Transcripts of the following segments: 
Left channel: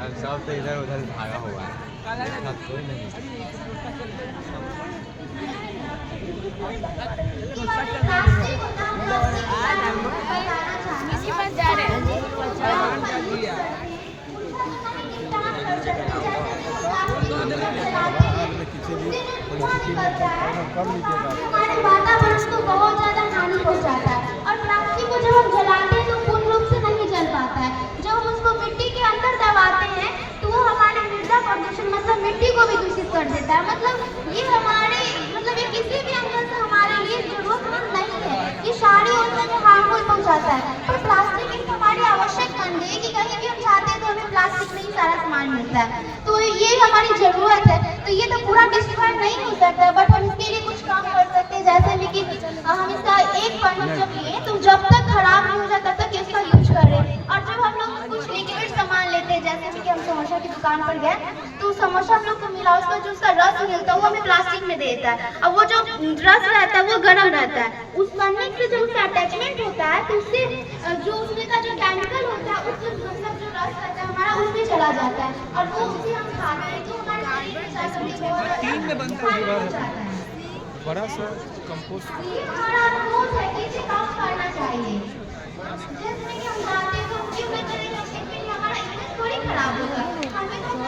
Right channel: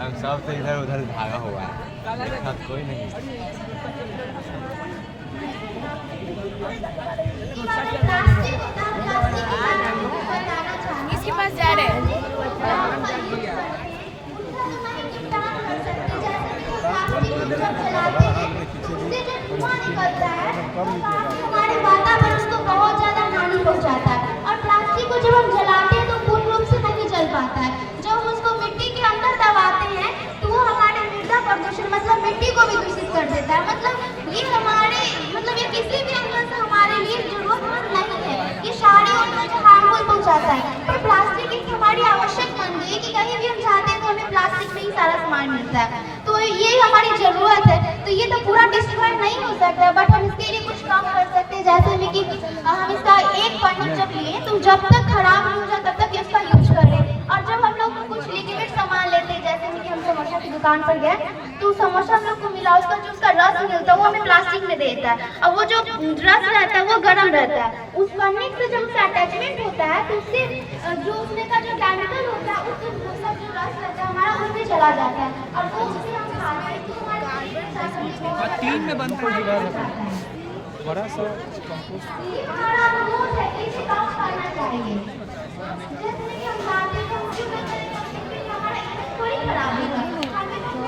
हम सब से इधर उधर भागा हुआ है, कोई नहीं। इसी पास जा रहे हैं। हमारे वातावरण को बहुत ज्यादा हानि पहुंचाता है और प्लास्टिक को जब हम जलाते हैं तो पूर्ण रूप से नहीं जल पाता है। जब हम उसको मिट्टी के अंदर दबाते हैं तो वो हमारे मृदा प्रदूषण मतलब मिट्टी को भी दूषित कर देता है। मतलब ये हमारे मतलब ये किसी भी अंदर से हमारे लिए जरूरतमंद नहीं है। ये सारी उनमें हार्मफुल पहुंचाता है। तो प्लास्टिक एक हमारी आवश्यक बन गई कि कहीं भी हम चाहते हैं तो हमें प्लास्टिक में ही सारा सामान मिलता है। तो ये हमारी जरूरत है। तो ये तो पूरा डिस्ट्रॉय नहीं हो सकता, बट हम इसके लिए कुछ काम कर सकते हैं। जैसे में कि हम इसका एक बंडल जब लिए तो जब तक खराब नहीं हो जाए तब तक इसका यूज करें। और जब हम लोग कुछ लिक्विड सामान लेते हैं, जैसे कि हम समोसा की दुकान पर गए तो समोसा हम लोग को मिला, उसका जो उसका रस मिलता है वो हमें प्लास्टिक में देता है। और वो जो रस रहता है वो गर्म रहता है। उस पन्ने से जब उसका अटैचमेंट होता है तो उससे जो उसमें का जो केमिकल होता है उससे सब जो रस रहता है हमारा उसमें चला जाता है और वो उससे हम खाते हैं तो हमारे तीन में बनता है बड़ा सा कंपोस्ट। ये हमारा रोज है कि इसे कम करना चाहिए। जैसे कि हम खाते हैं तो उसके में करेंगे लेकिन हमारा इमेज थोड़ी खराब होगा। हमें तो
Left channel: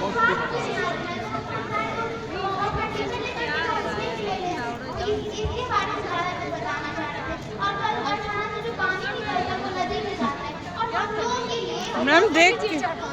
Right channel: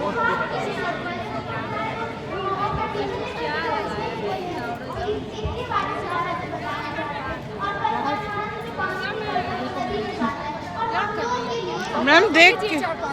क्या इसके बारे में ज़्यादा बताना चाहते हैं। और कई बार जो पानी निकलता है वो नदी में जाता है और हम लोगों के लिए मैम देख